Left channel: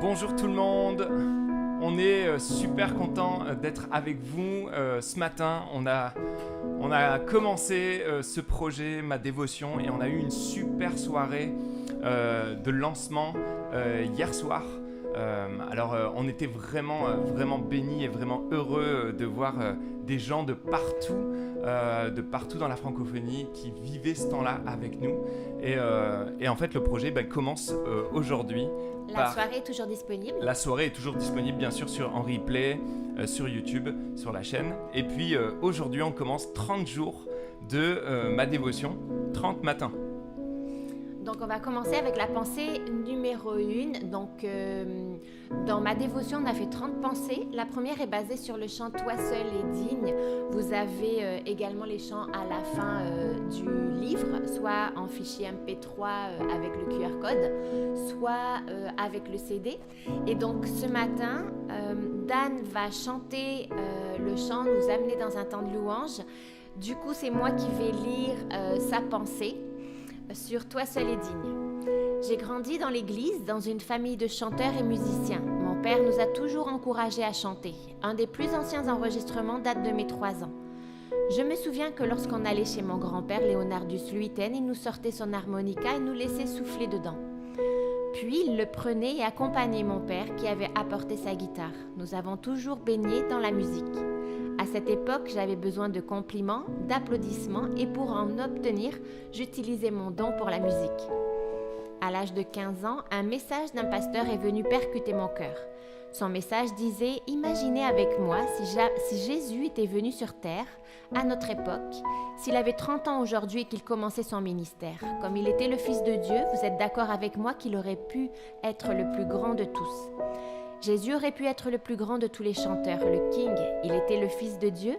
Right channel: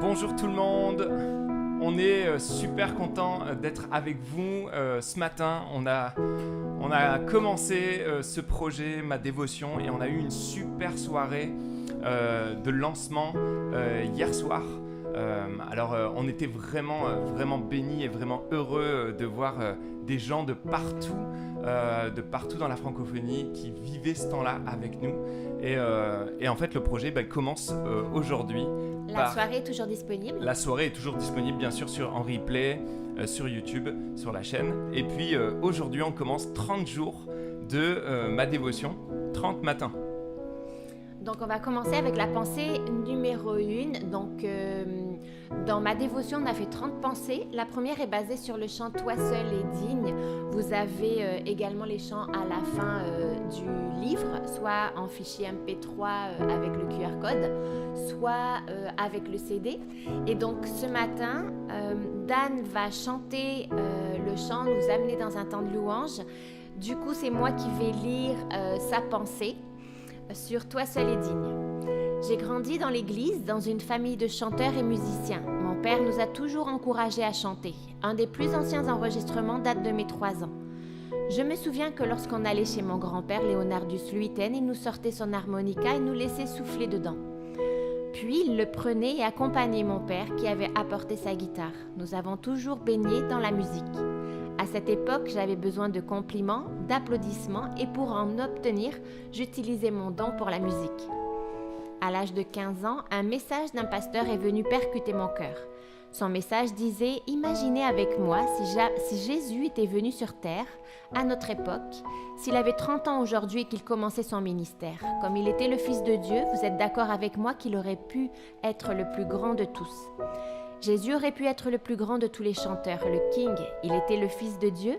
Bonjour tout le monde, on est super content d'être avec vous ce matin. On a commencé ce projet, ma dévotion, et on a eu une super soirée de lancement hier soir. On était vraiment bénis et vraiment heureux de voir des gens de partout dans la francophonie qui vivaient ce temps-là avec nous. Et en fait, le projet commence aujourd'hui. La soirée est toujours disponible. La soirée est toujours disponible, bien sûr, en replay, sur YouTube, sur la chaîne. Et puis, aujourd'hui, on commence 30 jours de ma dévotion, 30 matins. Donc, on va commencer avec la pensée numéro 1. Donc, dans ma dévotion, on a fait 30 pensées. La première est basée sur le chant « Toi seul est digne ». Vous avez également les chants à la fin du livre, soit en fichier MP3 avec le QR code, soit avec le CD. Et donc, ce matin, Dan va chanter le chant, nous amener dans un temps de louange. Du coup, c'est moi qui vais lire sa pensée sur « Toi seul est digne ». J'ai grandi dans l'église, dans une famille de chanteurs et musiciens. Mon père nous a toujours encouragés à chanter. Un des plus anciens enregistrements date de mes 3 ans. Je me souviens que lorsqu'on allait chez mon grand-père Leonardus Luiten, il nous sortait son harmonica et nous laissait souffler dedans. Puis il le prenait et accompagnait mon père qui avait apporté sa guitare. Nous avons toujours baigné dans la musique. À cette époque, j'avais besoin de compliments, d'applaudissements et pour en obtenir, j'utilisais mon don pour la musique. À l'âge de 15 ans, un message d'un pasteur est venu percuter mon cœur. Son message disait « Imaginez avec moi si Jésus était venu sur terre, à notre époque, s'il avait 30 ans aujourd'hui et qu'il commençait son ministère. Comme il était le Fils de Dieu, vous êtes d'accord avec moi qu'il aurait pu être le plus grand de tous. Jésus aurait pu être le plus grand de tous les chanteurs, le King. Il était le Fils de Dieu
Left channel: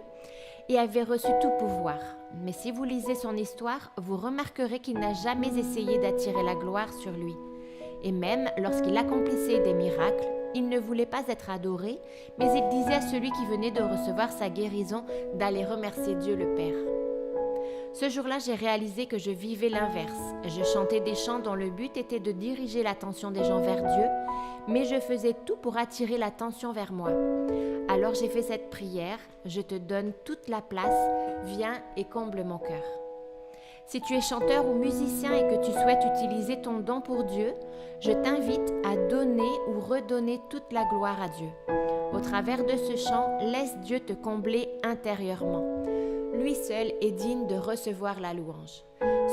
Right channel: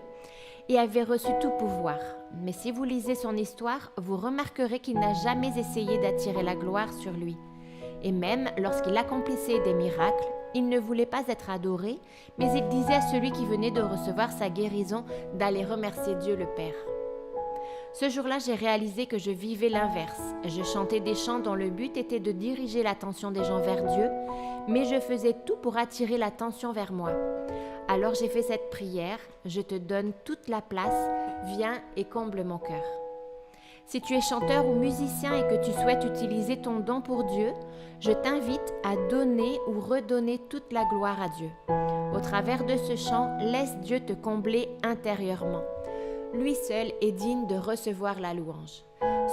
et avait reçu tout pouvoir. Mais si vous lisez son histoire, vous remarquerez qu'il n'a jamais essayé d'attirer la gloire sur lui. Et même lorsqu'il accomplissait des miracles, il ne voulait pas être adoré, mais il disait à celui qui venait de recevoir sa guérison d'aller remercier Dieu le Père. Ce jour-là, j'ai réalisé que je vivais l'inverse. Je chantais des chants dont le but était de diriger l'attention des gens vers Dieu, mais je faisais tout pour attirer l'attention vers moi. Alors j'ai fait cette prière, je te donne toute la place, viens et comble mon cœur. Si tu es chanteur ou musicien et que tu souhaites utiliser ton don pour Dieu, je t'invite à donner ou redonner toute la gloire à Dieu. Au travers de ce chant, laisse Dieu te combler intérieurement. Lui seul est digne de recevoir la louange.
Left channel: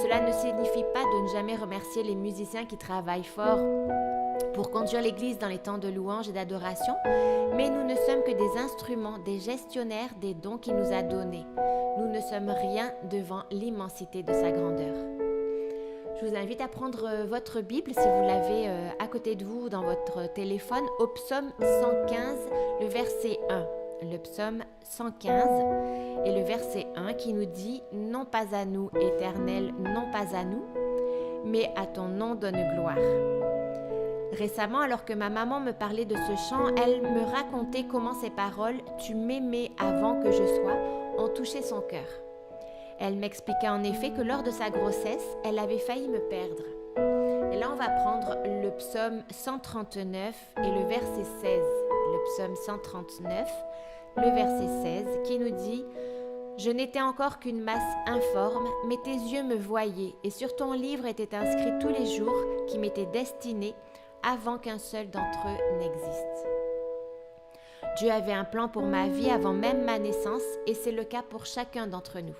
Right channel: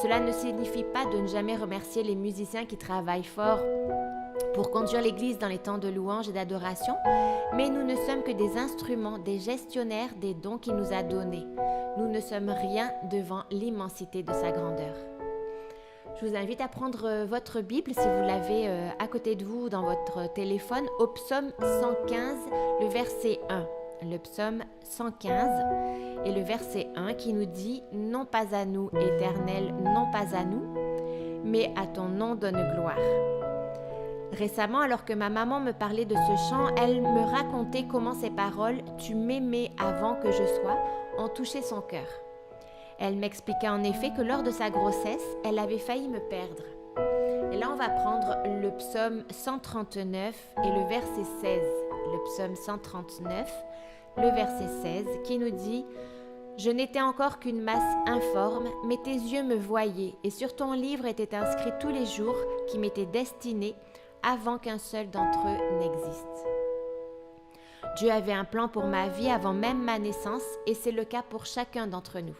Cela ne signifie pas de ne jamais remercier les musiciens qui travaillent fort pour conduire l'Église dans les temps de louange et d'adoration, mais nous ne sommes que des instruments, des gestionnaires des dons qu'il nous a donnés. Nous ne sommes rien devant l'immensité de sa grandeur. Je vous invite à prendre votre Bible, si vous l'avez à côté de vous dans votre téléphone, au psaume 115, le verset 1. Le psaume 115 et le verset 1 qui nous dit « Non pas à nous, Éternel, non pas à nous, mais à ton nom donne gloire ». Récemment, alors que ma maman me parlait de ce chant, elle me racontait comment ces paroles « Tu m'aimais avant que je sois » ont touché son cœur. Elle m'expliqua en effet que lors de sa grossesse, elle avait failli me perdre. Et là, on va prendre le psaume 139 et le verset 16. Le psaume 139, le verset 16, qui nous dit « Je n'étais encore qu'une masse informe, mais tes yeux me voyaient, et sur ton livre étaient inscrits tous les jours qui m'étaient destinés avant qu'un seul d'entre eux n'existe. » Dieu avait un plan pour ma vie avant même ma naissance, et c'est le cas pour chacun d'entre nous.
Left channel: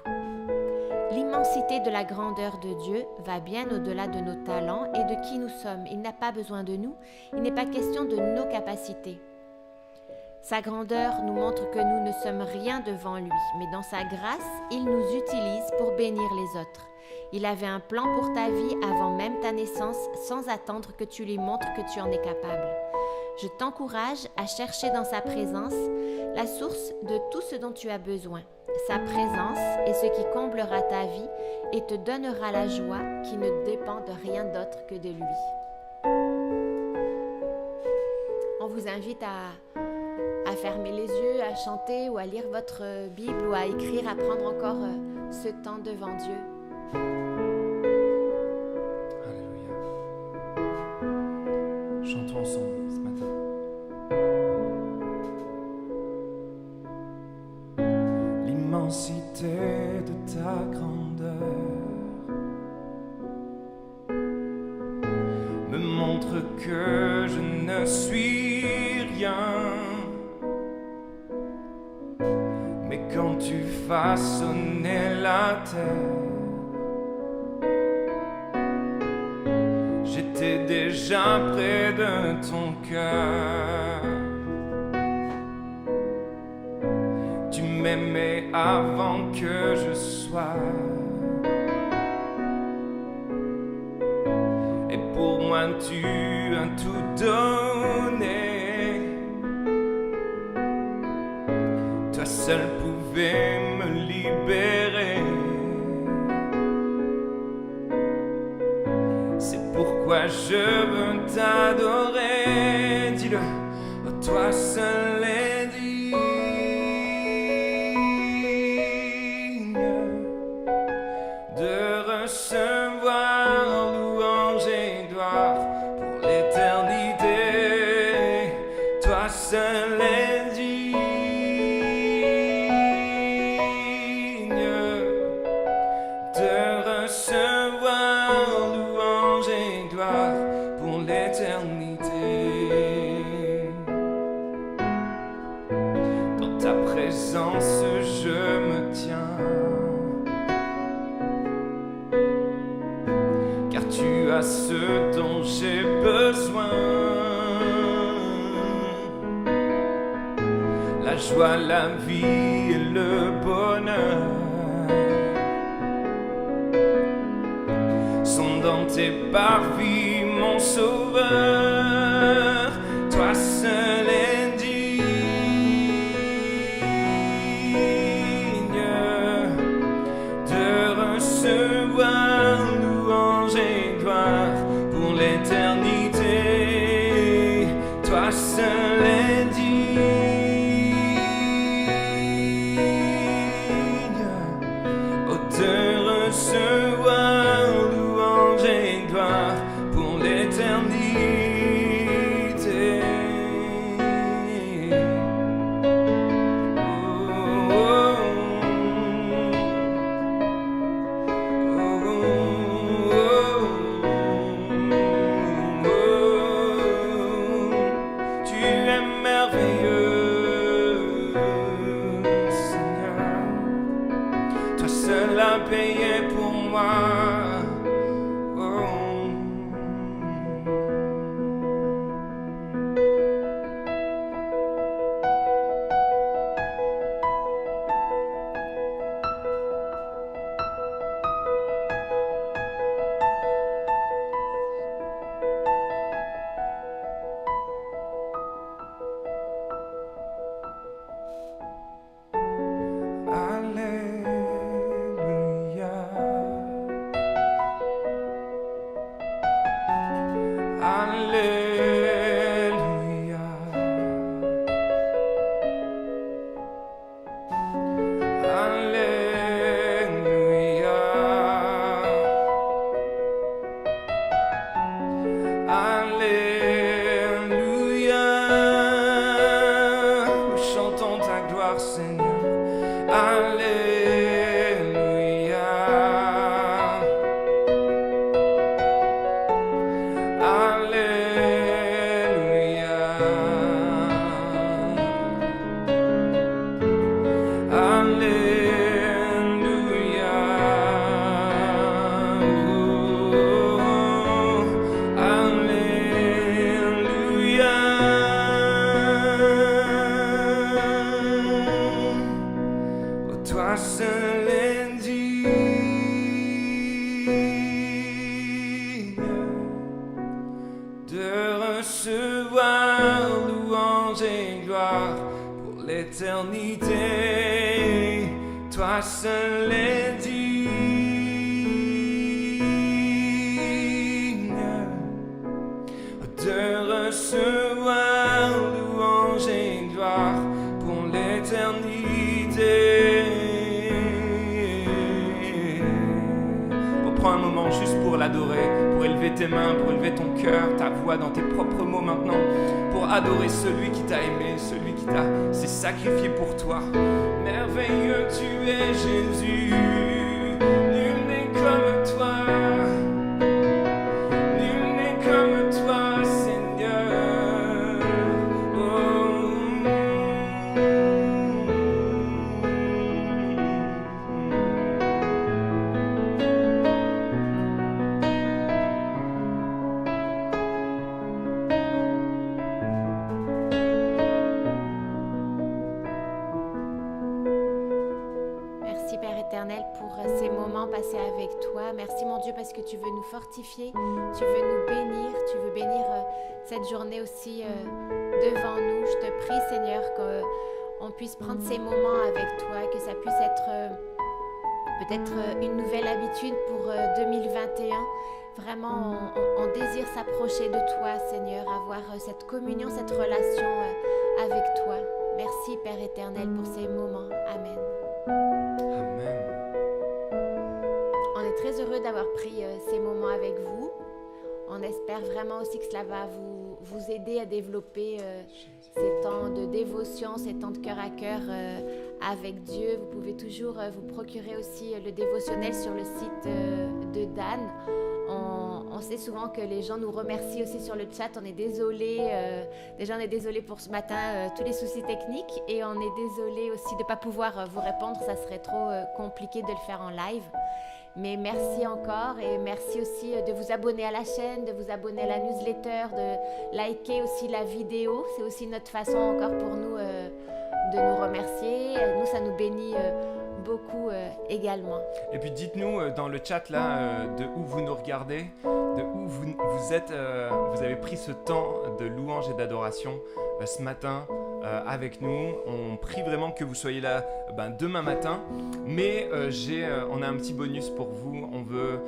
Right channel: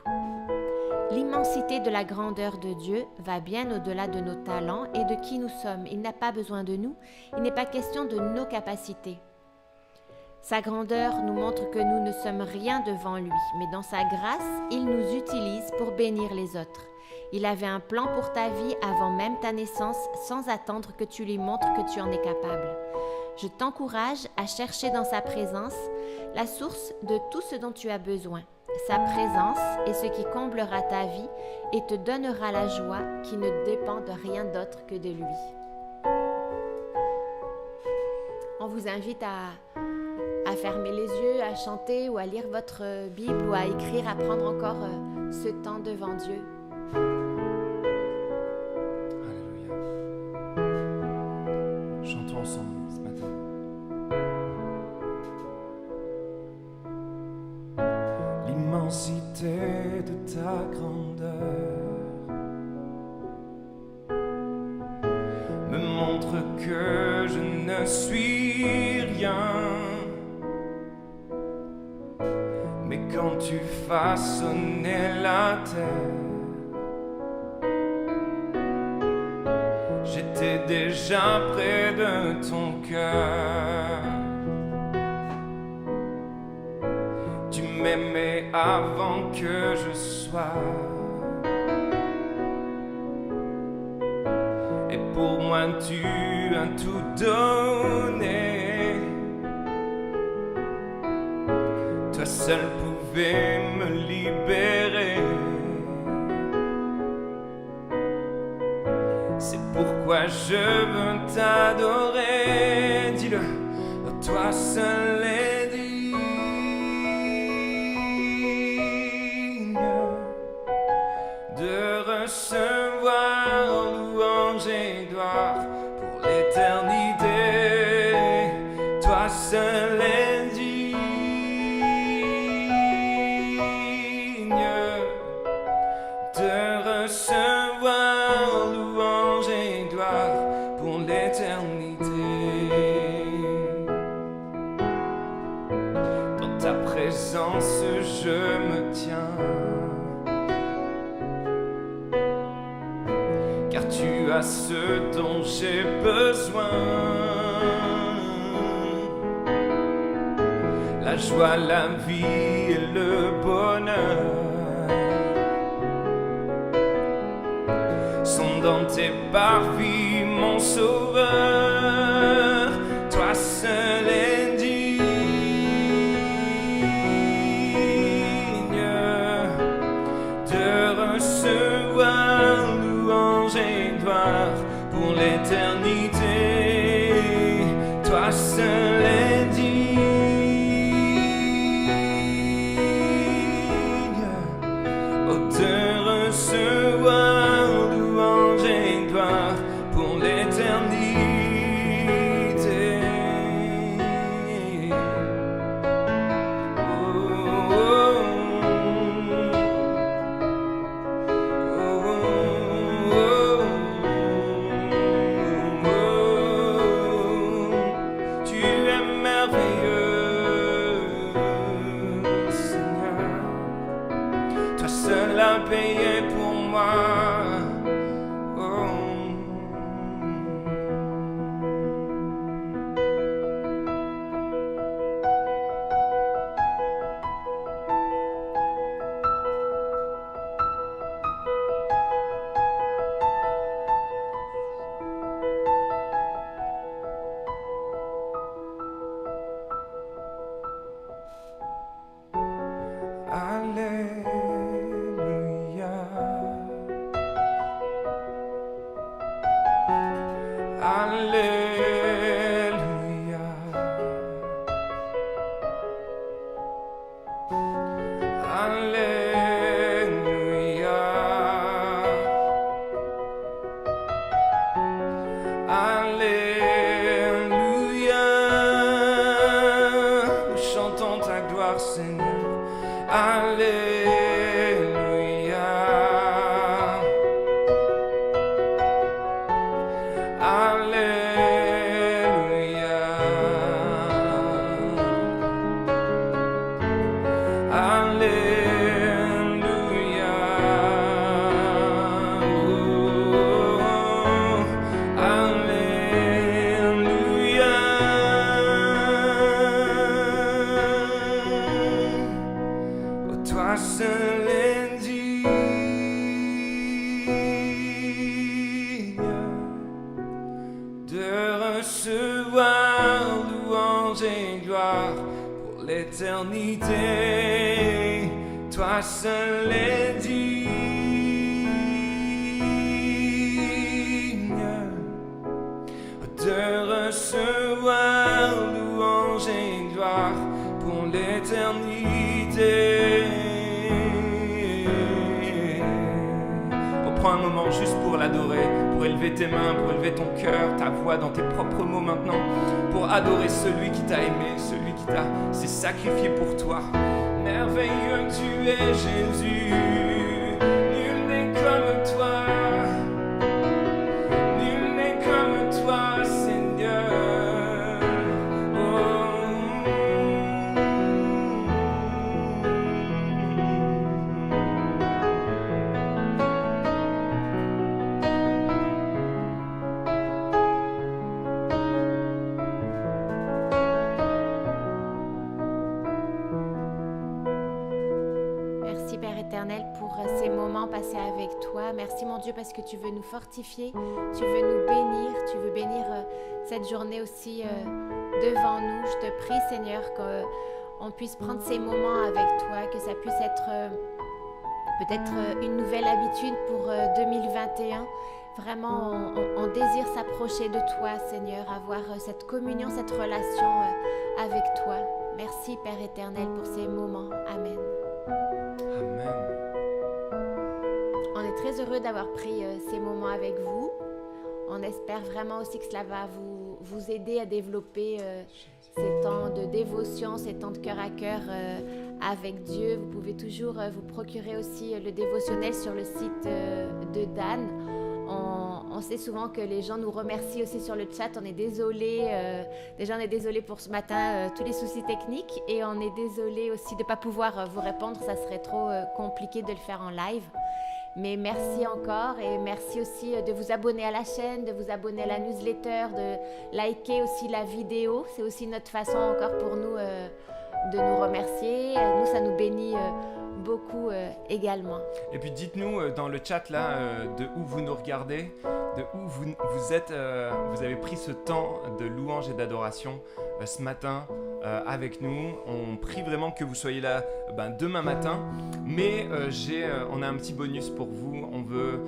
L'immensité de la grandeur de Dieu va bien au-delà de nos talents et de qui nous sommes. Il n'a pas besoin de nous, il n'est pas question de nos capacités. Sa grandeur nous montre que nous ne sommes rien devant lui, mais dans sa grâce, il nous utilise pour bénir les autres. Il avait un plan pour ta vie avant même ta naissance, sans attendre que tu lui montres que tu en es capable. Je t'encourage à chercher dans sa présence la source de tout ce dont tu as besoin. Sa présence est ce qui comblera ta vie et te donnera la joie qui ne dépend de rien d'autre que de lui. On vous invite à fermer les yeux, à chanter ou à lire votre Bible ou à écrire, à prendre encore ce temps devant Dieu. Alléluia. Chantons ensemble ce matin. L'immensité de ta grandeur me montre que je ne suis rien. Mais quand tu façonnais la terre, j'étais déjà près de ton cœur. Tu m'aimais avant que je sois. Et pour moi tu as tout donné. Toi seul pouvais me libérer. C'est pourquoi je veux t'adorer. Dis-le, oh, toi seul est digne de recevoir louange et gloire pour l'éternité. Toi seul est digne de recevoir louange et gloire pour l'éternité. Dans ta présence je me tiens, car tu as ce dont j'ai besoin. La joie, la vie et le bonheur sont dans tes parvis, mon sauveur. Toi seul est digne de recevoir louange et gloire pour l'éternité. Toi seul est digne de recevoir louange et gloire pour l'éternité. Oh, oh, oh, oh, oh, oh. Tu es merveilleux, Seigneur. Toi seul a payé pour moi. Oh. Alléluia. Alléluia. Alléluia. Alléluia. Nous chantons ta gloire, Seigneur. Alléluia. Alléluia. Alléluia. Oh, alléluia. Oh, toi seul est digne de recevoir et gloire pour l'éternité. Toi seul es digne de recevoir louange et gloire pour l'éternité. Prends un moment juste pour l'adorer, pour élever tes mains, pour élever ton cœur, ta voix dans tes propres mots maintenant, pour adorer celui qui t'a aimé, celui qui s'est sacrifié pour toi. Merveilleux tu es Jésus, nul n'est comme toi, nul n'est comme toi Seigneur. Oh. Merci Père éternel pour ces moments passés avec toi. Merci mon Dieu parce que tu veux nous fortifier, tu veux nous bénir, tu veux bénir cette journée aussi devant nous. Je te prie Seigneur qu'on puisse prendre ces moments avec toi, que ça puisse être peut-être une nouvelle habitude pour 2021. Vraiment, on désire s'approcher de toi Seigneur, avoir cette communion, cette relation avec toi. Merci Père éternel pour ces moments. Amen. Amen. On est très heureux d'avoir pris ces moments avec vous. On espère vraiment aussi que cela va vous aider à développer ces temps de dévotion, ces temps de cœur à cœur avec Dieu. Vous pouvez toujours vous procurer aussi le dévotionnel sur le site de Dan. On sait souvent que les gens nous remercient aussi sur le chat. On est désolé, déjà on est désolé pour ce matin, tous les soucis techniques, et on est désolé aussi de ne pas pouvoir vous répondre, ça serait trop compliqué de le faire en live. Mais merci encore, et merci aussi de vous abonner à la chaîne, de vous abonner à la newsletter, de liker aussi la vidéo. C'est aussi notre façon encore pour nous de nous remercier. Nous, ça nous bénit beaucoup également. Et puis dites-nous dans le chat là de où vous nous regardez, de où vous êtes, vous avez pris ce temps de louange et d'adoration ce matin avec nous. On prie vraiment que vous soyez là demain matin, mais on a un petit bonus pour vous. On veut,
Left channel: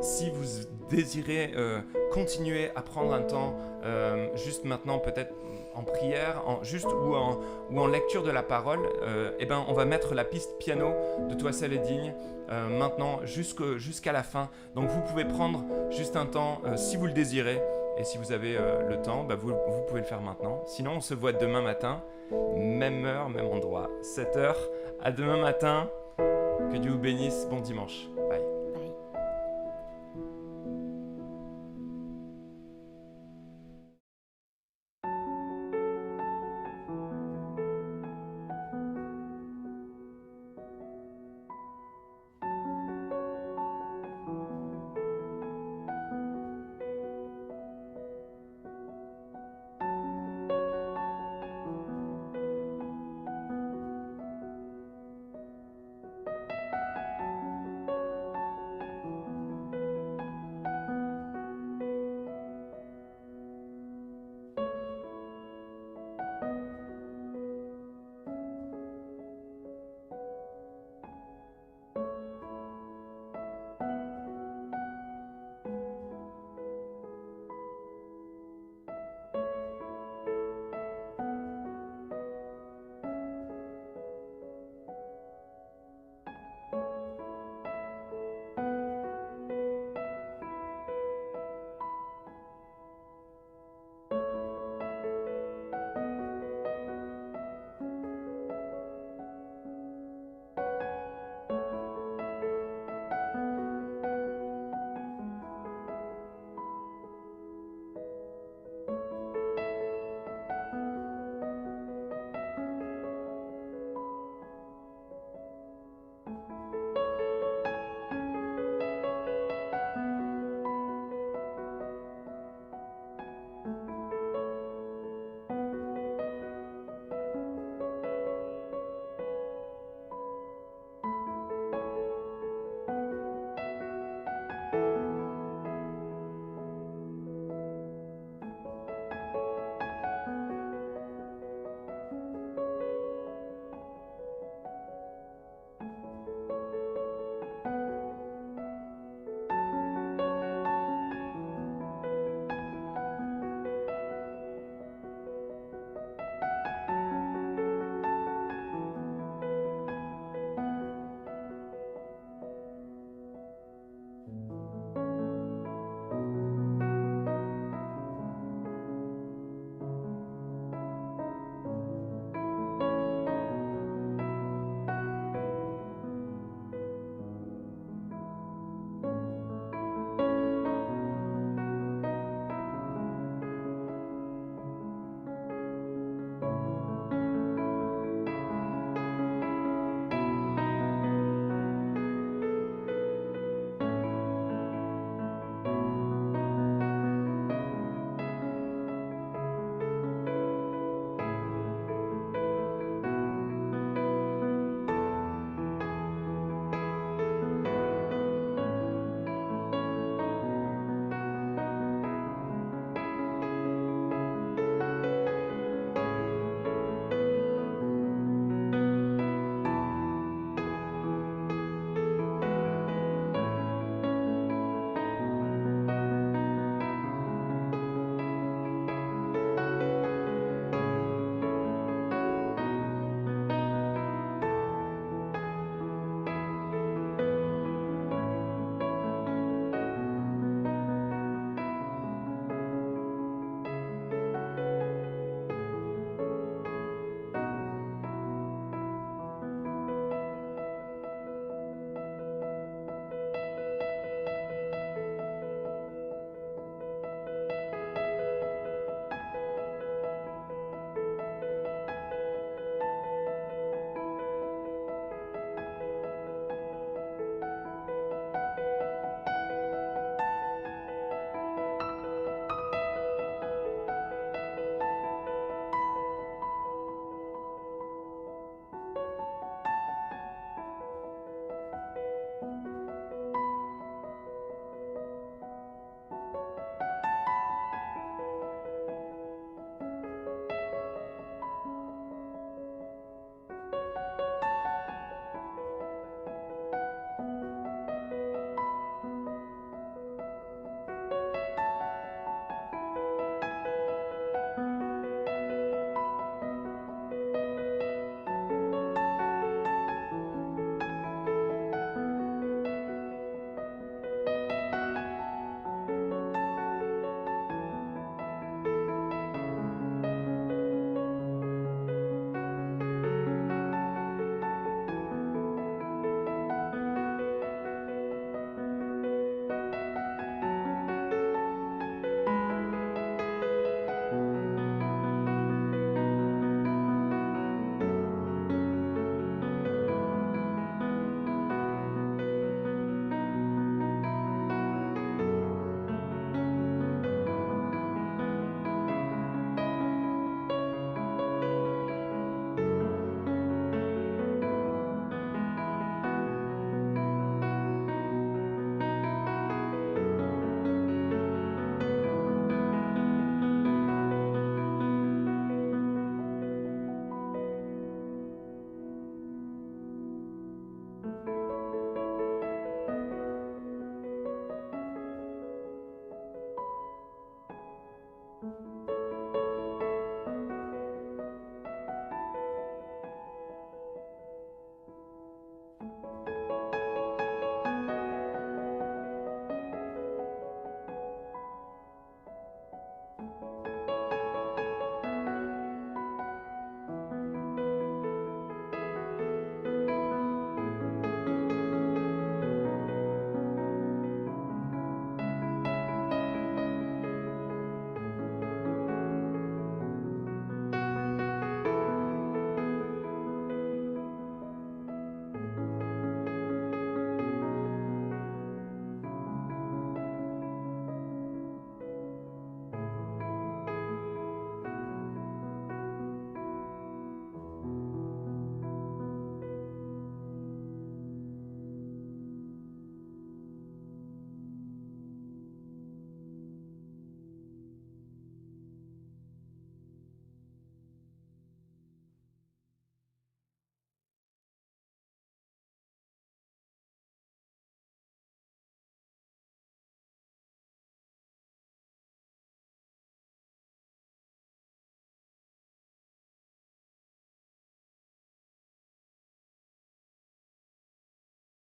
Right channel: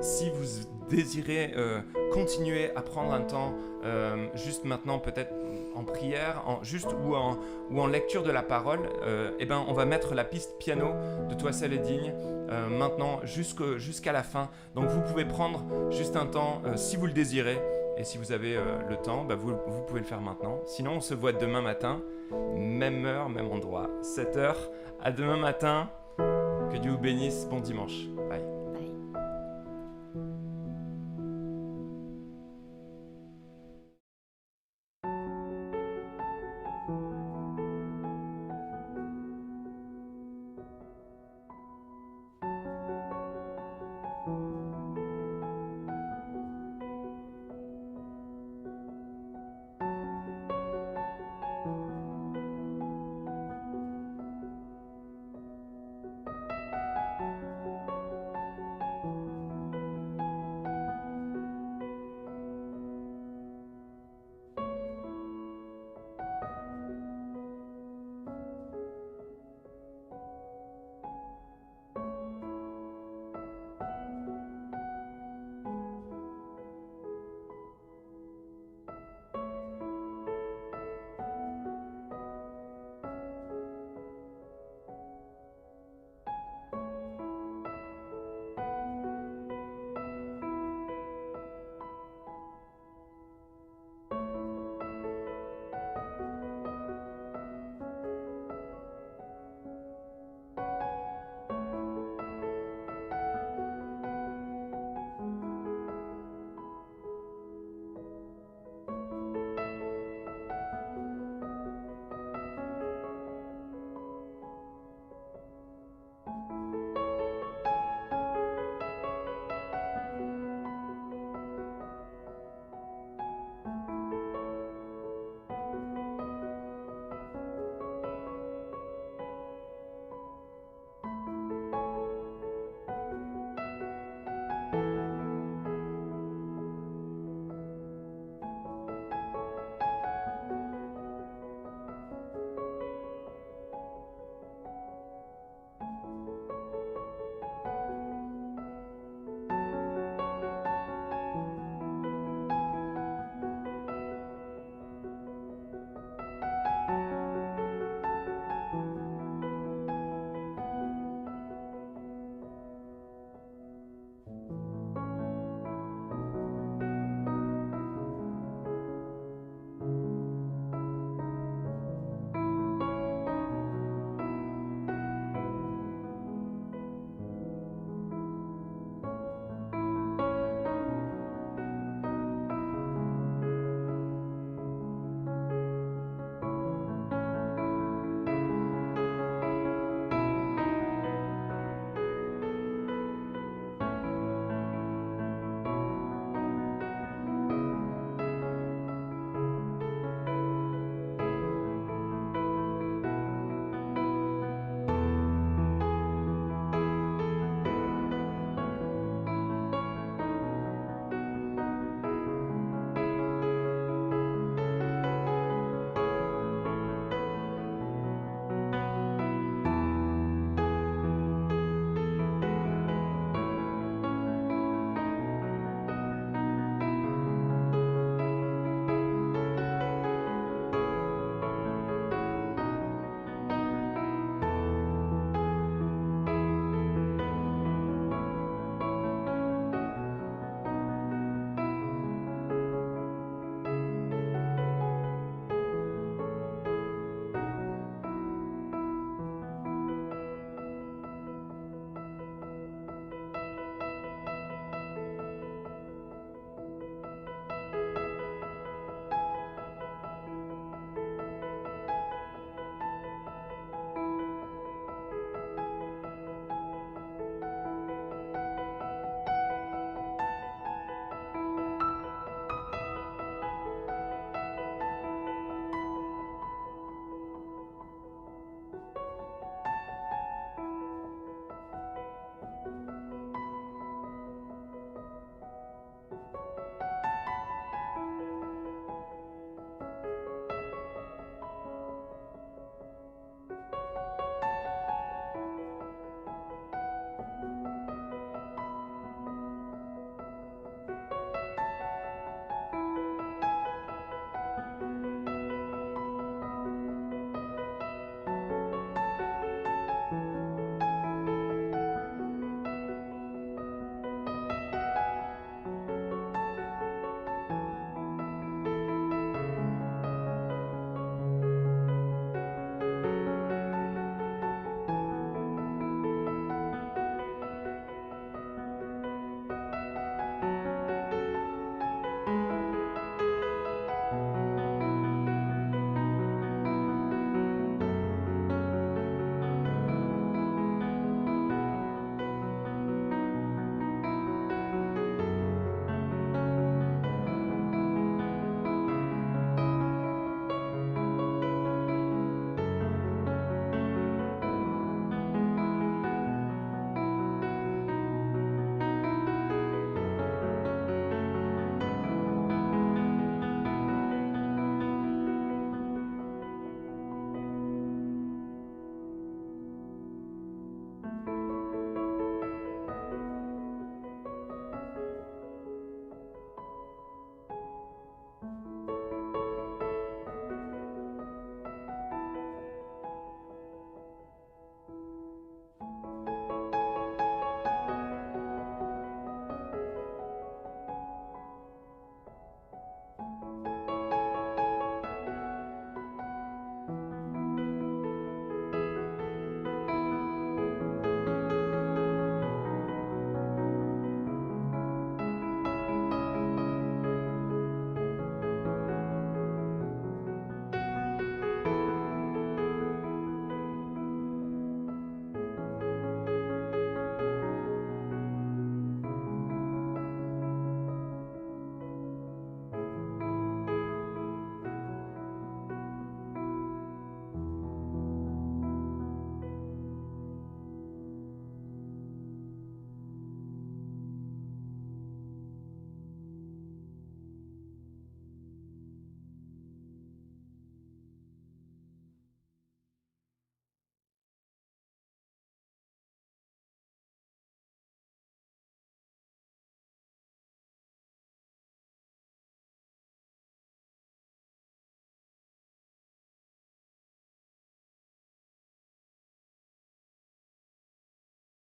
si vous désirez continuer à prendre un temps juste maintenant, peut-être en prière, ou en lecture de la parole, on va mettre la piste piano de Toi seul est digne maintenant jusqu'à la fin. Donc vous pouvez prendre juste un temps si vous le désirez, et si vous avez le temps, vous pouvez le faire maintenant. Sinon on se voit demain matin, même heure, même endroit, 7h. À demain matin, que Dieu vous bénisse, bon dimanche, bye.